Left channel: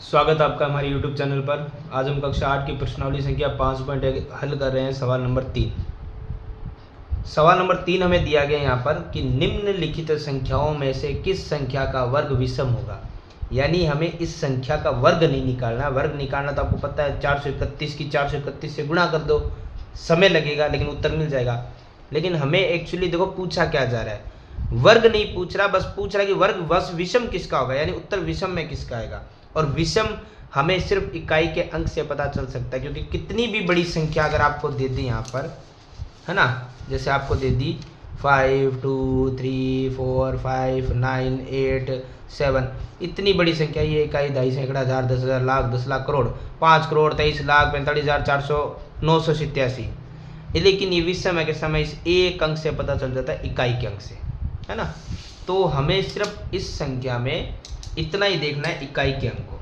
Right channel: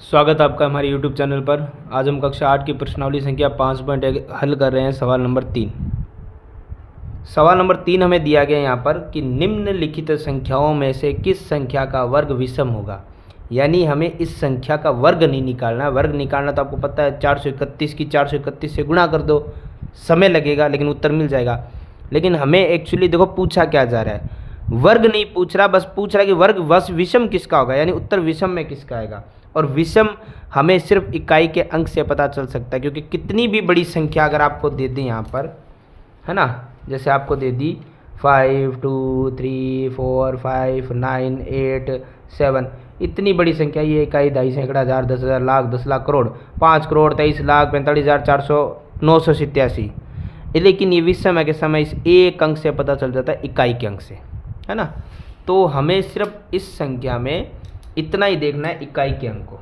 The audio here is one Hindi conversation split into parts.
स्वागत है आपका हमारे YouTube चैनल पर। आज हम कक्षा 8 की प्रश्नावली संख्या 5.1 हल कर रहे हैं। सवाल नंबर 3। सवाल नंबर 3 हमें दिया गया यहाँ पर कि निम्नलिखित संख्याओं में से किस संख्या का वर्ग विषम होगा। यानी हमें इस संख्या का वर्ग नहीं निकालना है। वर्ग निकालना तो आपको पता है 431 की 431 से गुणा कर दो, समय लगेगा लेकिन उत्तर मिल जाएगा। लेकिन हमें एक्चुअली देखो पूछा क्या जा रहा है, वर्ग नहीं पूछ रहा, बस पूछ रहा है कि वर्ग वश विषम किसका होगा, यानी उत्तर विषम में किसका आएगा। और विषम हमें सिर्फ इकाई के अंक से पता चल सकता है, क्योंकि कितनी भी बड़ी संख्या अगर आपको दे दी यहाँ पर, है ना, जैसे आपको दे दी 5 2 3 4 5 9 8 7, इतनी बड़ी संख्या, ये इकाई, दहाई, सैकड़ा, हजार, 10,000, लाख, 10 लाख, करोड़, 5 करोड़ 23 लाख 45,400 987। लेकिन ये विषम है कि समय इस एक अंक से पता चल जाता है, इकाई के अंक से, है ना। तो हमें सिर्फ इस संख्या में इतना ही देखना है, इकाई के अंक को।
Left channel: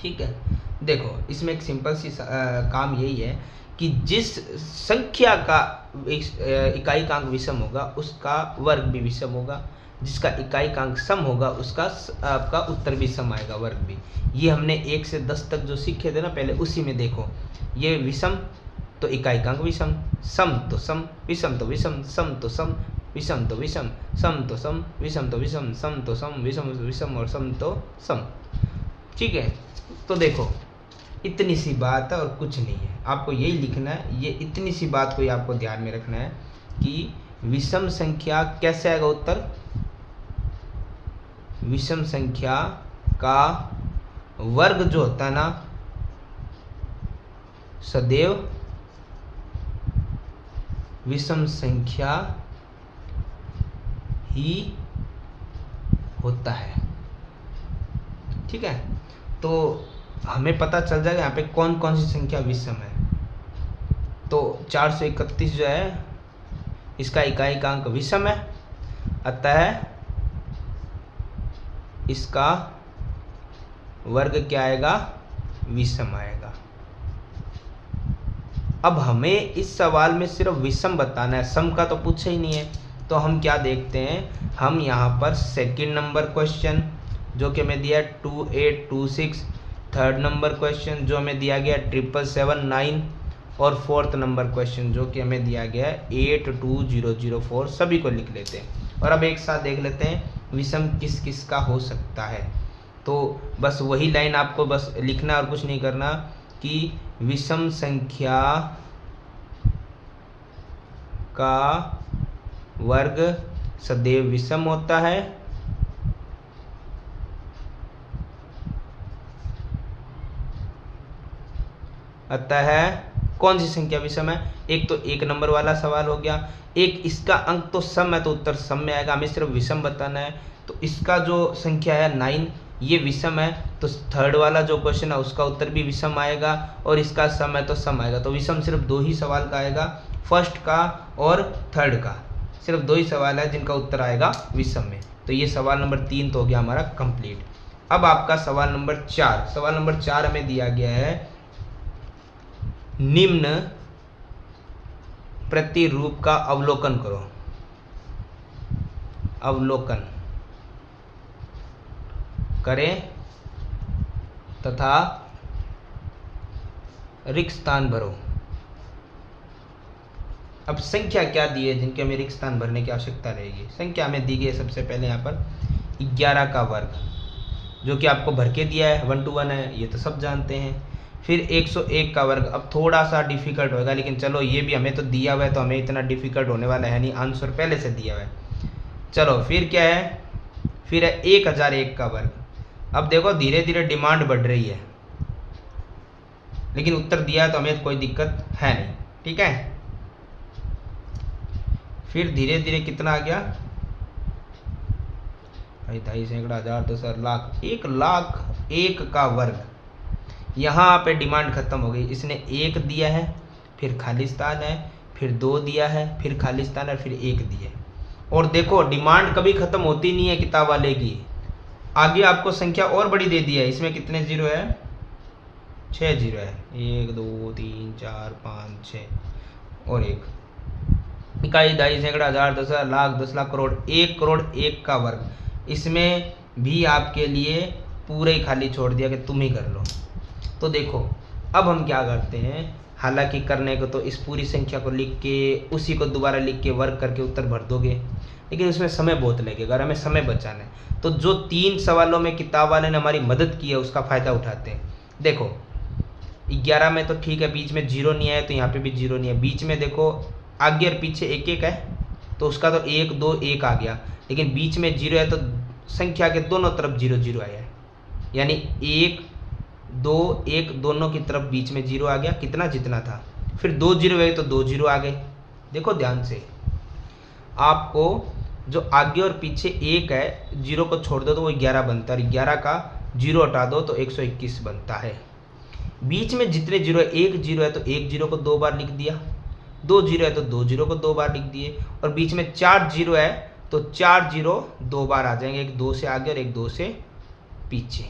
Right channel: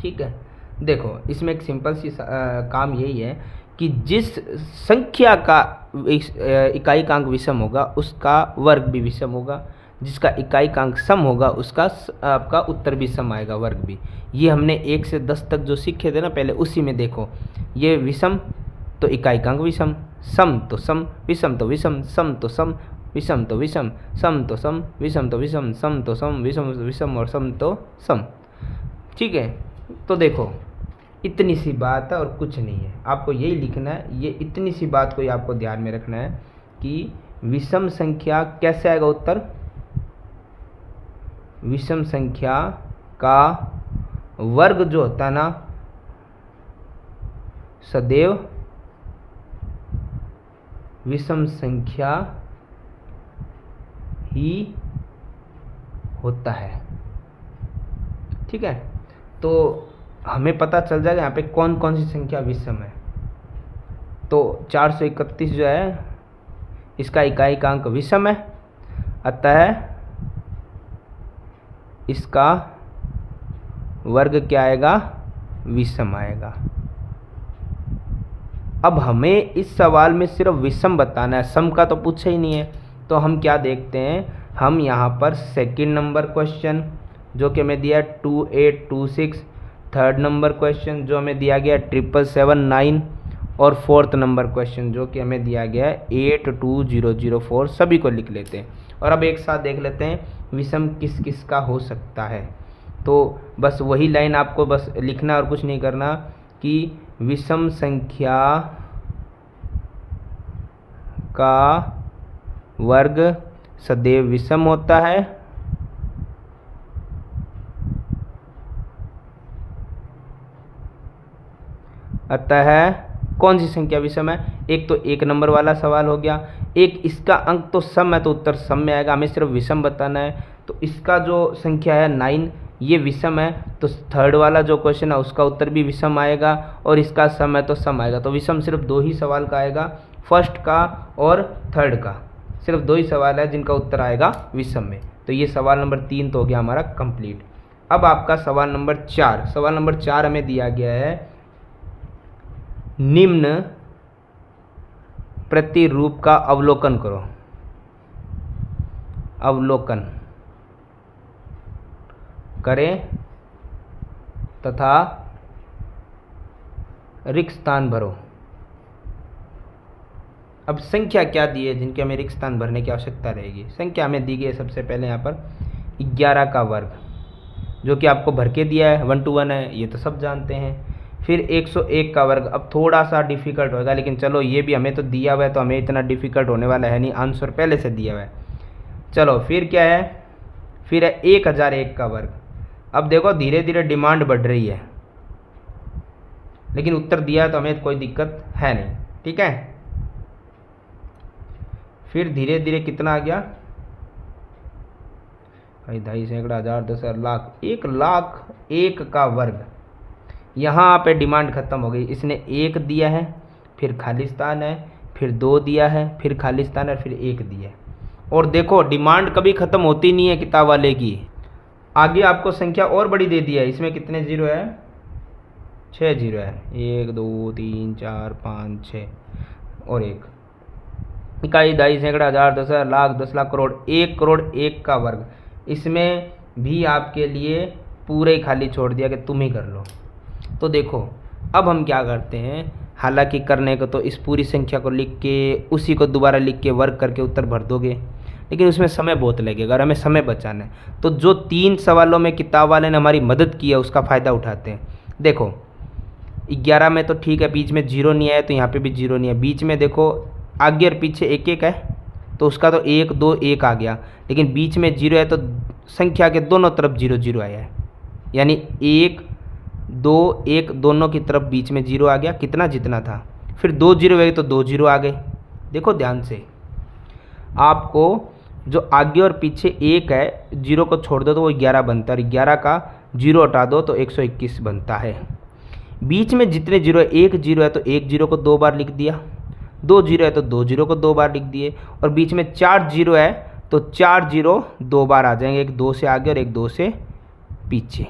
ठीक है, देखो इसमें एक सिंपल सी काम यही है कि जिस संख्या का इकाई का अंक विषम होगा उसका वर्ग भी विषम होगा, जिसका इकाई का अंक सम होगा उसका आपका उत्तर भी सम आएगा, वर्ग भी। ये हमने 1 से 10 तक जो सीखे थे ना पहले, उसी में देखो, ये विषम तो इकाई का अंक विषम, सम तो सम, विषम तो विषम, सम तो सम, विषम तो विषम, सम तो सम, विषम तो विषम, सम तो सम, विषम तो विषम और सम तो सम। ठीक है, तो देखो इतनी सी बात है और कुछ नहीं है, आपको यही लिखना है। ये इतनी सी बात को ही आपको ध्यान में रखना है कि विषम संख्या कैसे आएगा उत्तर। विषम संख्या का वर्ग जो होता है ना, सदैव विषम संख्या ही होता है। ठीक है, तो हमें पता चल जाएगा यहाँ पे कौन कौन सी संख्या विषम है। तो 431 जो है इसका इकाई का अंक विषम है, अतः इसका वर्ग क्या आएगा, विषम आएगा। अब हमें इस सवाल में सिर्फ विषम बताना है, सम का तो पूछा ही नहीं है। तो हम क्या देखते हैं, हम यहाँ पर सेकंड नंबर क्वेश्चन जो कि हमें दिया है 2826, थर्ड नंबर क्वेश्चन जो हमें दिया गया है 777 और फोर्थ नंबर क्वेश्चन जो कि हमें दिया गया है 82004, सभी को लिख लेते हैं। और अब एक साथ देख लेते हैं विषम किस किस का हो सकता है। तो बस वही लाइन आपको बस लिखना और कुछ नहीं करना कि विषम संख्या का वर्ग सदैव विषम होता है, अतः कौन सी संख्या विषम है। एक तो 1 नंबर वाला सवाल हो गया, एक इसका अंक तो सम है तो उत्तर सम में आएगा, हमें सिर्फ विषम बताना है। तो इसका जो संख्या है 9 ये विषम है, तो थर्ड वाला जो क्वेश्चन है उसका उत्तर भी विषम आएगा, और इसका सम है तो सम आएगा। तो विषम सिर्फ 2 ही सवाल का आएगा, फर्स्ट का और थर्ड का, सिर्फ 2 ही सवाल है जिनका उत्तर आएगा विषम में। तो ये सवाल नंबर 3 तो हो गया हमारा कंप्लीट। अब आपका सवाल नंबर 4, सवाल नंबर 4 हमें दिया गया है निम्न प्रतिरूप का अवलोकन करो। अवलोकन करें तथा रिक्त स्थान भरो। अब संख्या क्या दी है जिनके हमें रिक्त स्थान भरने की आवश्यकता रहेगी। संख्या हमें दी गई है सबसे पहले यहाँ पर 11 का वर्ग, जो कि आपको भर के दिया है, 1 to 1 है, ये तो सब जानते हैं। फिर 101 का वर्ग, अब थोड़ा सा डिफिकल्ट होगा, लेकिन चलो ये भी हमें तो दिया हुआ है तो हमें इतना डिफिकल्ट होने वाला है नहीं, आंसर पहले से दिया हुआ है। चलो फिर क्या है, फिर है 1001 का वर्ग। अब देखो धीरे धीरे डिमांड बढ़ रही है, लेकिन उत्तर दिया है तो हमें कोई दिक्कत है नहीं। ठीक है, फिर धीरे धीरे कितना आ गया भाई, दहाई, सैकड़ा, हजार, 10,000, लाख, 1,01,000 का वर्ग। यहाँ पे डिमांड खत्म हो गई, इसने 1 दिया है, फिर खाली स्थान है, फिर 2 दिया है, फिर खाली स्थान है, फिर 1 दिया है। और देखो डिमांड कभी खत्म होती नहीं है किताब वाले की। आगे आपको संख्या और बड़ी दे दी है, इसमें कितने जीरो है, 6 जीरो है, 1 2 3 4 5 6 और 1। इकाई, दहाई, सैकड़ा, हजार, 10,000, लाख, 10 लाख, करोड़, 1 करोड़ 1 का वर्ग। इसमें भी आपके लिए पूरे ही खाली छोड़ दिया कि तुम ही कर लो। तो देखो अब हम क्या करते हैं, हालांकि करने को तो इस पूरी संख्या को लिख के उसी को दोबारा लिख के वर्क करके उत्तर भर दोगे, लेकिन उसमें समय बहुत लगेगा और हमें समय बचाना है। तो जो 3 सवालों में किताब वाले ने हमारी मदद की है उसका फ़ायदा उठाते हैं। देखो 11 में तो ठीक है, बीच में 0 नहीं आया तो यहाँ पे भी 0 नहीं है। बीच में देखो आगे और पीछे 1 1 है तो उसका तो 1 2 1 आ गया, लेकिन बीच में 0 है तो संख्या के दोनों तरफ 0 0 आया है, यानी 1 2 1 दोनों की तरफ बीच में 0 आ गया, कितना जितना था। फिर 2 0 गए तो 2 0 आ गए। देखो ध्यान से, आपको जो आगे और पीछे 1 है 0 को छोड़ दो तो वो 11 बनता है, और 11 का 0 हटा दो तो 121 बनता है। बीच में जितने 0 है, 1 0 है तो 1 0 को 2 बार लिख दिया, 2 0 है तो 2 0 को 2 बार लिख दिए, और बीच में 4 0 है तो 4 0 2 बार आ जाएंगे, एक 2 से आगे और एक 2 से पीछे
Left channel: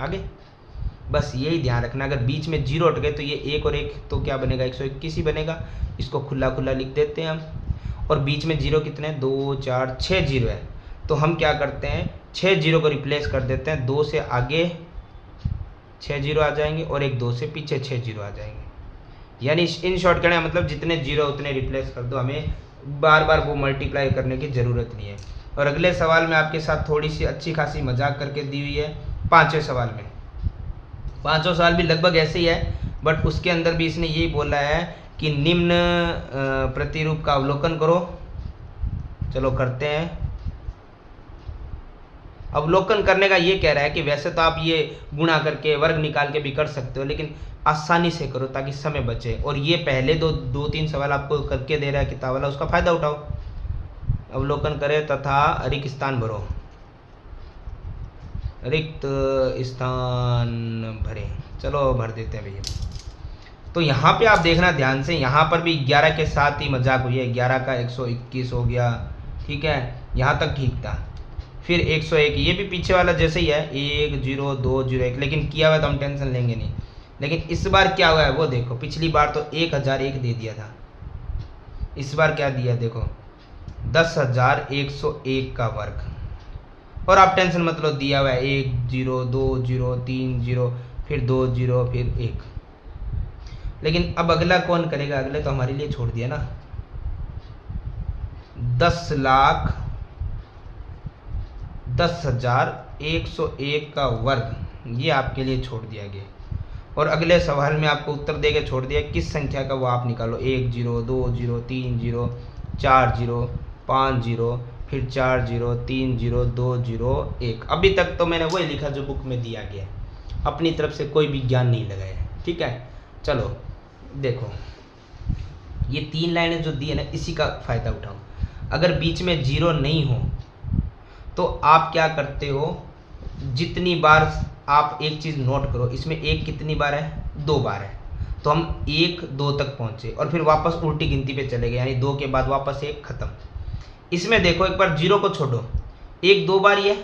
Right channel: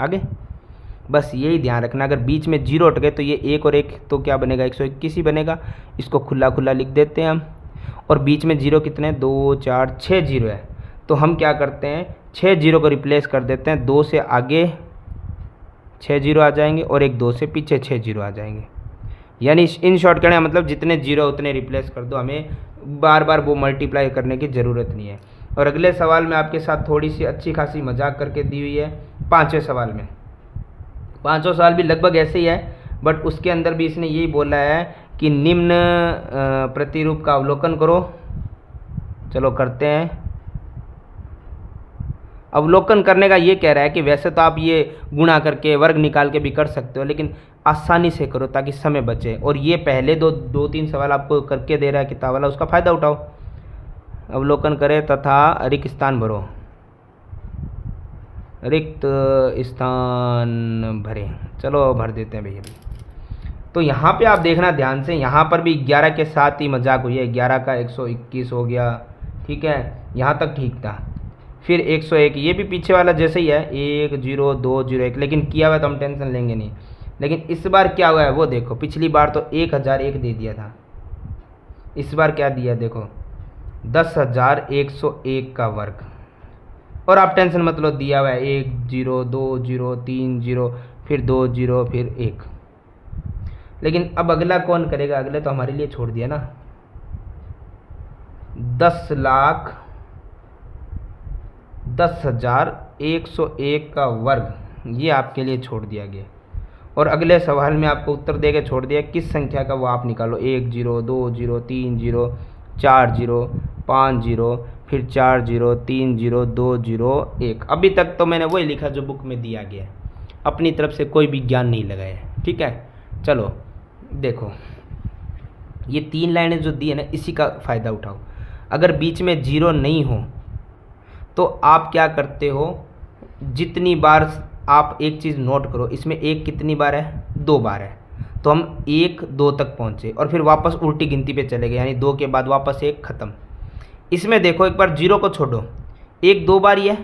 आगे। बस यही ध्यान रखना, अगर बीच में 0 हट गए तो ये 1 और 1 तो क्या बनेगा, 121 ही बनेगा। इसको खुला खुला लिख देते हैं हम। और बीच में 0 कितने, 2 4 6 0 है, तो हम क्या करते हैं 6 0 को रिप्लेस कर देते हैं, 2 से आगे 6 0 आ जाएंगे और एक 2 से पीछे 6 0 आ जाएंगे। यानी इन शॉर्ट कहने मतलब जितने 0 उतने रिप्लेस कर दो, हमें बार बार वो मल्टीप्लाई करने की ज़रूरत नहीं है। और अगले सवाल में आपके साथ थोड़ी सी अच्छी खासी मजाक करके दी हुई है। 5वें सवाल में, 5वां सवाल भी लगभग ऐसे ही है, बट उसके अंदर भी इसने यही बोला है कि निम्न प्रतिरूप का अवलोकन करो। चलो करते हैं। अवलोकन करने का ये कह रहा है कि वैसे तो आप ये गुणा करके वर्ग निकाल के भी कर सकते हो, लेकिन आसानी से करो ताकि समय बचे। और ये पहले दो तीन सवाल आपको करके दे रहा है किताब वाला, उसका फ़ायदा उठाओ। अवलोकन करें तथा रिक्त स्थान भरो, रिक्त स्थान भरें। चलो भर देते हैं भैया। तो यहाँ पे आप देखना ध्यान से, यहाँ पर भी 11 के साथ ही मजाक हुई है, 11 का 121 हो गया, ठीक है, यहाँ तक ठीक था। फिर 101, ये भी पीछे वाला जैसे ही है, 1 0 2 0 1, लेकिन किया हुआ तो हम टेंशन लेंगे नहीं। लेकिन इस बार क्या हुआ है वो देखो, पिछली बार तो 1001 दे दिया था, इस बार क्या दिया देखो 10,101 का वर्ग। और आप टेंशन मत लो, दिया हुआ है 1 0 2 0 3 0 फिर 2 0 फिर 1। लेकिन अब अगला कौन करेगा, अगले तो हमारे लिए छोड़ दिया ना। 10,10,101 का वर्ग, ये आपके लिए छोड़ दिया गया। और अगले सवाल में आपको उत्तर देके छोड़ दिया किस संख्या का, वो आप निकालो। 1 0 2 0 3 0 4 0 5 0 फिर 4 0 3 0 2 0 1। अभी तक तो मैंने वही लिखा जो बुक में दिया गया है, अपनी तरफ से कोई भी ज्ञान नहीं लगाया, ठीक है। चलो देखो ये 3 लाइनें जो दी है ना, इसी का फ़ायदा उठाओ। अगर बीच में 0 नहीं हो तो आप क्या करते हो, जितनी बार आप एक चीज़ नोट करो, इसमें 1 कितनी बार है, 2 बार है, तो हम 1 2 तक पहुँचे और फिर वापस उल्टी गिनती पे चले गए, यानी 2 के बाद वापस 1 ख़त्म। इसमें देखो एक बार 0 को छोड़ो, 1 2 बार ही है,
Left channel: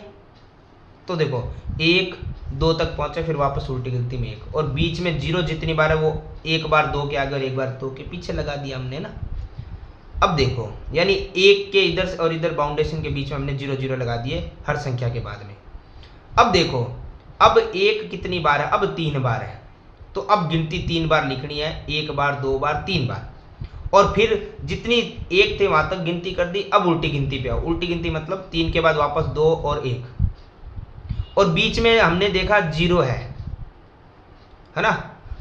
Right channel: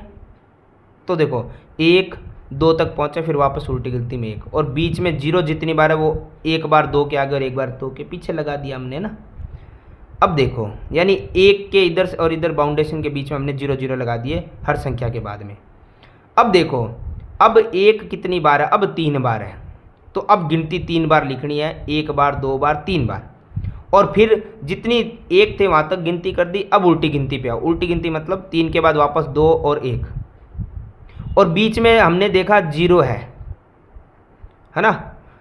तो देखो 1 2 तक पहुँचे फिर वापस उल्टी गिनती में 1, और बीच में 0 जितनी बार है वो 1 बार 2 के आगे और 1 बार 2 के पीछे लगा दिया हमने ना। अब देखो यानी 1 के इधर से और इधर बाउंडेशन के बीच में हमने 0 0 लगा दिए हर संख्या के बाद में। अब देखो अब 1 कितनी बार है, अब 3 बार है, तो अब गिनती 3 बार लिखनी है, 1 बार 2 बार 3 बार, और फिर जितनी 1 थे वहाँ तक गिनती कर दी। अब उल्टी गिनती पे आओ, उल्टी गिनती मतलब 3 के बाद वापस 2 और 1, और बीच में हमने देखा 0 है ना।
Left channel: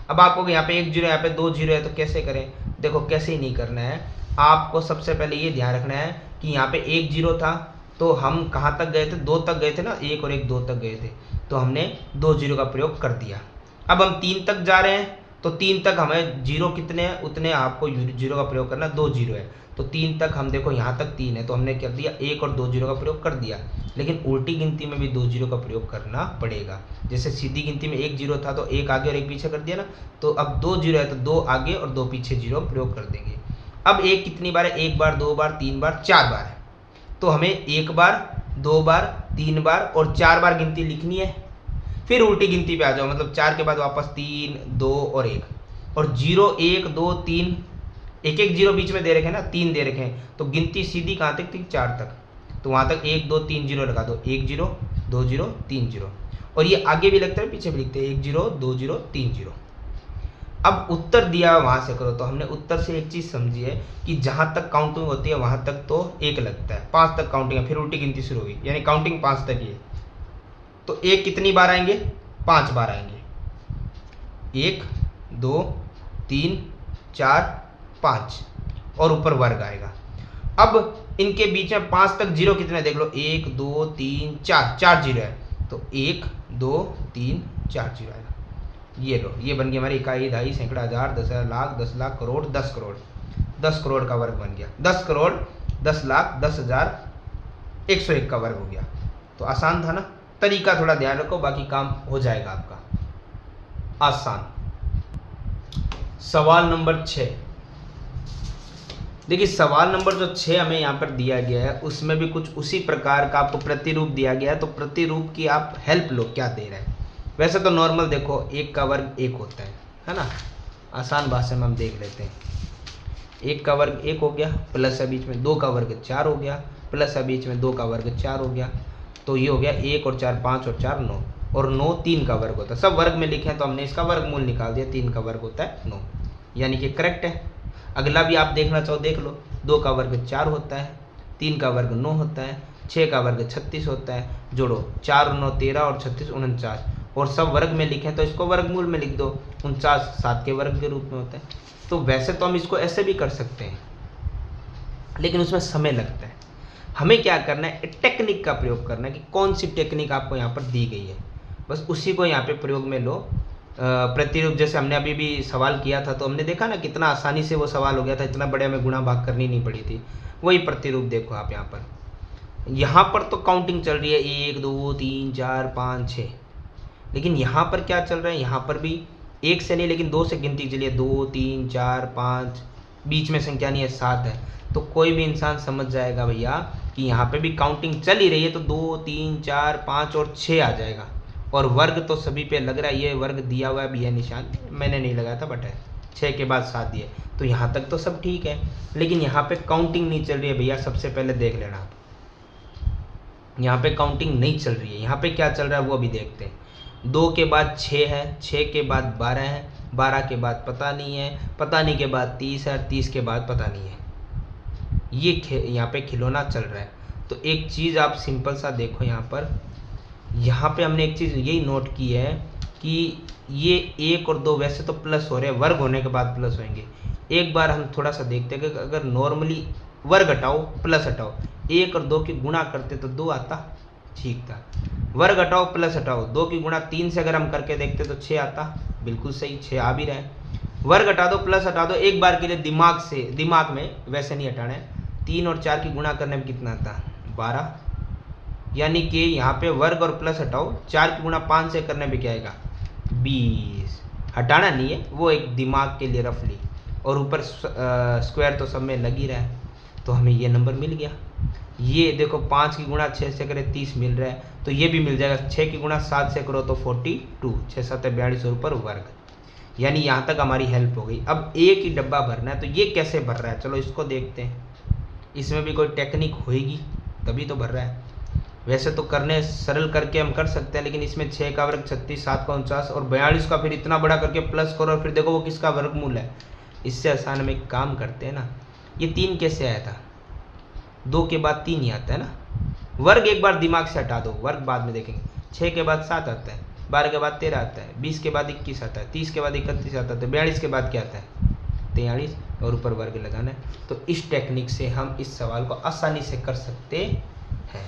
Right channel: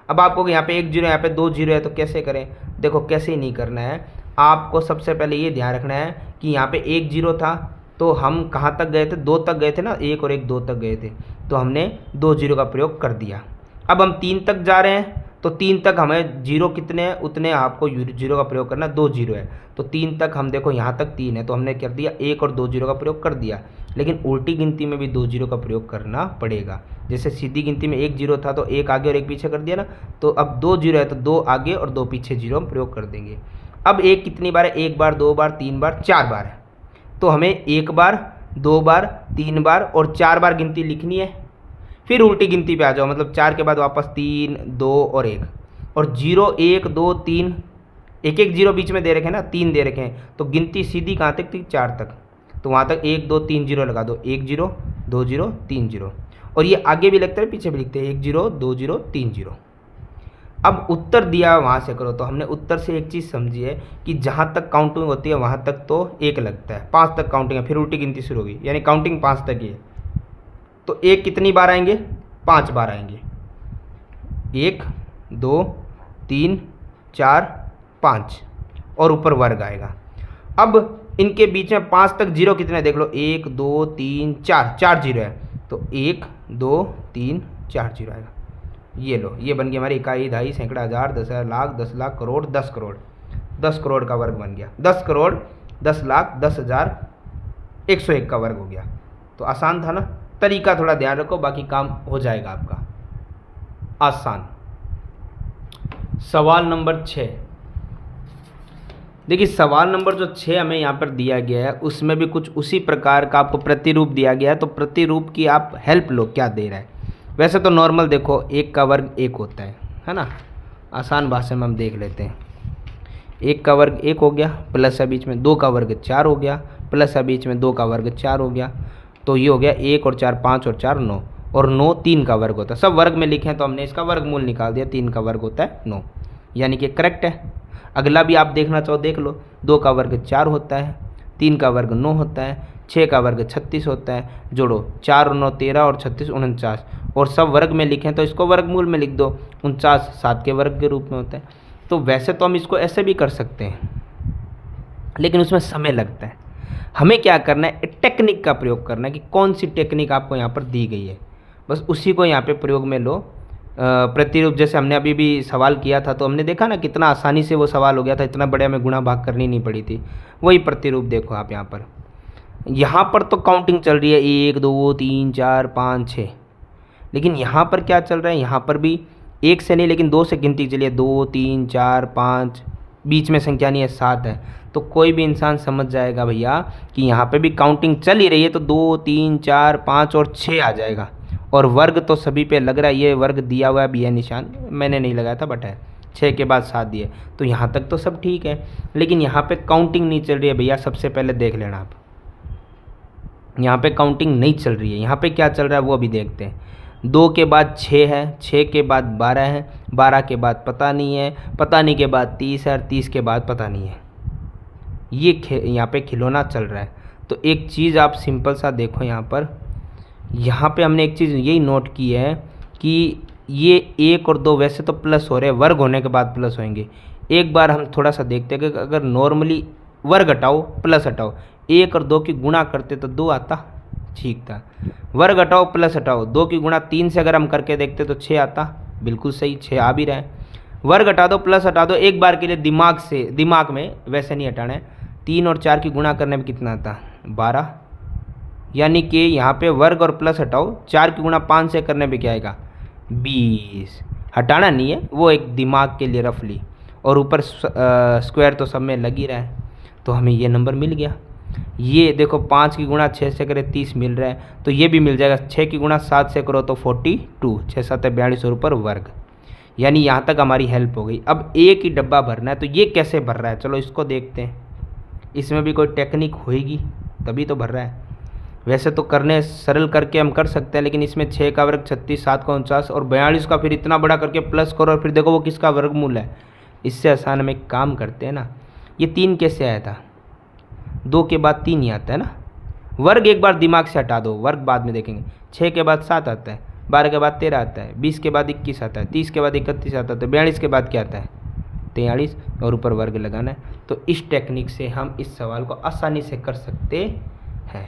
अब आपको यहाँ पे 1 0 यहाँ पे 2 0 है, तो कैसे करें, देखो कैसे ही नहीं करना है। आपको सबसे पहले ये ध्यान रखना है कि यहाँ पे 1 0 था तो हम कहाँ तक गए थे, 2 तक गए थे ना, 1 और 1 2 तक गए थे, तो हमने 2 0 का प्रयोग कर दिया। अब हम 3 तक जा रहे हैं, तो 3 तक हमें 0 कितने हैं उतने आपको 0 का प्रयोग करना, 2 0 है, तो 3 तक हम देखो यहाँ तक 3 है, तो हमने कर दिया 1 और 2 0 का प्रयोग कर दिया। लेकिन उल्टी गिनती में भी 2 0 का प्रयोग करना पड़ेगा। जैसे सीधी गिनती में 1 0 था तो 1 आगे और 1 पीछे कर दिया ना, तो अब 2 0 है तो 2 आगे और 2 पीछे 0 हम प्रयोग कर देंगे। अब 1 कितनी बार है, 1 बार 2 बार 3 बार 4 बार है, तो हमें 1 बार 2 बार 3 बार और 4 बार गिनती लिखनी है। फिर उल्टी गिनती पे आ जाओ, मतलब 4 के बाद वापस 3 2 और 1, और 0 1 2 3, एक 0 बीच में दे रखे हैं ना, 3 दे रखे हैं, तो गिनती सीधी कहाँ तक थी, 4 तक, तो वहाँ तक 1 2 3 0 लगा दो, 1 0 2 0 3 0, और ये आगे भी लगता है पीछे भी लिखते हैं, 1 0 2 0 3 0। अब उत्तर दिया वहाँ से करो, तो हमने उत्तर से एक चीज़ समझी है कि जहाँ तक काउंटिंग होती है वहाँ तक तो 1 लगता है, 5 तक काउंटिंग है, फिर उल्टी गिनती शुरू होगी, यानी काउंटिंग 5 तक ही है। तो 1 कितनी बार आएंगे, 5 बार आएंगे, 1 2 3 4 5, और ऊपर वर्ग आएगा। अब इनके बीच में 5 तक जीरो कितने देख लो, 1 2 3 4, 4 जीरो है, तो 1 2 3 4 जीरो आएगा। ये लो, ये बन गया हमारी इकाई, दहाई, सैकड़ा, हज़ार, 10,000, लाख, 10 लाख, करोड़, 10 करोड़। 10 करोड़ का वर्ग बन गया, 10 करोड़ 10 लाख 10,000 101 का वर्ग हो गया। तो आसान था ना, तरीका थोड़ा ध्यान रखो, बाकी काम हो जाएगा आपका आसान। सवाल नंबर 6, देखिए सवाल नंबर जो 6 हमें यहाँ पर दिया गया है उसमें भी कुछ उसी प्रकार का आपको प्रतिरूप दिया गया है, तो प्रतिरूप की आप हेल्प लो, क्या दे रहा है। वैसे तो नॉर्मल देखो 1 का वर्ग 1 होता है ना, आसान भाषा में हम देख लेते हैं। 1 का वर्ग 1 हो गया, प्लस है बीच में 2 का वर्ग 4 हो गया, प्लस है बीच में 2 का वर्ग 4 हो गया, तो ये हो गया 1 और 4 5 और 4 9, और 9 3 का वर्ग होता है। सब वर्ग में लिखे हैं तो हमने इसका वर्गमूल निकाल दिया, 3 का वर्ग होता है 9, यानी कि करेक्ट है। अगला भी आप देखना चाहो देख लो, 2 का वर्ग 4 होता है, 3 का वर्ग 9 होता है, 6 का वर्ग 36 होता है, जोड़ो 4 और 9 13 और 36 49, और सब वर्ग में लिखें तो इसको वर्गमूल में लिख दो, 49 7 के वर्ग के रूप में होता है। तो वैसे तो हम इसको ऐसे भी कर सकते हैं, लेकिन उसमें समय लगता है। हमें क्या करना है, एक टेक्निक का प्रयोग करना है कि कौन सी टेक्निक आपको यहाँ पर दी गई है, बस उसी को यहाँ पे प्रयोग में लो। प्रतिरूप जैसे हमने अभी भी सवाल किया था तो हमने देखा ना कितना आसानी से वो सवाल हो गया था, इतना बड़े हमें गुणा भाग करनी नहीं पड़ी थी। वही प्रतिरूप देखो आप यहाँ पर तो काउंटिंग चल रही है 1 2 3 4 5 6, लेकिन यहाँ पर क्या चल रहा है, यहाँ पर भी 1 से नहीं लेकिन 2 से गिनती चलिए, 2 3 4 5, बीच में संख्या नहीं है 7 है, तो कोई भी इंसान समझ जाएगा भैया कि यहाँ पे भी काउंटिंग चल ही रही है, तो 2 3 4 5 और 6 आ जाएगा। और वर्ग तो सभी पे लग रहा है, ये वर्ग दिया हुआ है भी है निशान, मैंने नहीं लगाया था बट है, 6 के बाद 7 दिए, तो यहाँ तक तो सब ठीक है। लेकिन यहाँ पे काउंटिंग नहीं चल रही है भैया, सबसे पहले देख लेना आप, यहाँ पे काउंटिंग नहीं चल रही है। यहाँ पे क्या चल रहा है वो अभी देखते हैं। 2 के बाद 6 है, 6 के बाद 12 है, 12 के बाद पता नहीं है, पता नहीं के बाद 30 है, 30 के बाद पता नहीं है। ये यहाँ पे खिलौना चल रहा है। तो एक चीज़ आप सिंपल सा देखो, यहाँ पे हमने एक चीज़ यही नोट की है कि ये 1 और 2 वैसे तो प्लस हो रहे हैं, वर्ग होने के बाद प्लस होंगे। एक बार हम थोड़ा सा देखते हैं कि अगर नॉर्मली वर्ग हटाओ प्लस हटाओ, 1 और 2 की गुणा करते तो 2 आता, ठीक था। वर्ग हटाओ प्लस हटाओ, 2 की गुणा 3 से अगर हम करके देखते तो 6 आता, बिल्कुल सही 6 आ भी रहा है। वर्ग हटा दो प्लस हटा दो, एक बार के लिए दिमाग में वैसे नहीं हटाना है। 3 और 4 की गुणा करने में कितना आता, 12, यानी कि यहाँ पे वर्ग और प्लस हटाओ, 4 की गुणा 5 से करने पे क्या आएगा, 20। हटाना नहीं है, वो एक दिमाग के लिए रफली, और ऊपर स्क्वायर तो सब में लग ही रहा है, तो हमें ये नंबर मिल गया। ये देखो 5 की गुणा 6 से करें 30 मिल रहा है, तो ये भी मिल जाएगा। 6 की गुणा 7 से करो तो 42, 6 7 42 और ऊपर वर्ग, यानी यहाँ तक हमारी हेल्प हो गई। अब एक ही डब्बा भरना है, तो ये कैसे भर रहा है, चलो इसको देखते हैं। इसमें भी कोई टेक्निक होएगी तभी तो भर रहा है। वैसे तो करने सरल करके हम कर सकते हैं, लेकिन इसमें 6 का वर्ग 36, 7 का 49 और 42 का फिर इतना बड़ा करके प्लस करो और फिर देखो वो किसका वर्गमूल है। इससे आसान हम एक काम करते हैं ना, ये 3 कैसे आया था, 2 के बाद 3 ही आता है ना। वर्ग एक बार दिमाग से हटा दो, वर्ग बाद में देखेंगे। 6 के बाद 7 आता है, 12 के बाद 13 आता है, 20 के बाद 21 आता है, 30 के बाद 31 आता है, तो 42 के बाद क्या आता है, 43, और ऊपर वर्ग लगाना है। तो इस टेक्निक से हम इस सवाल को आसानी से कर सकते हैं।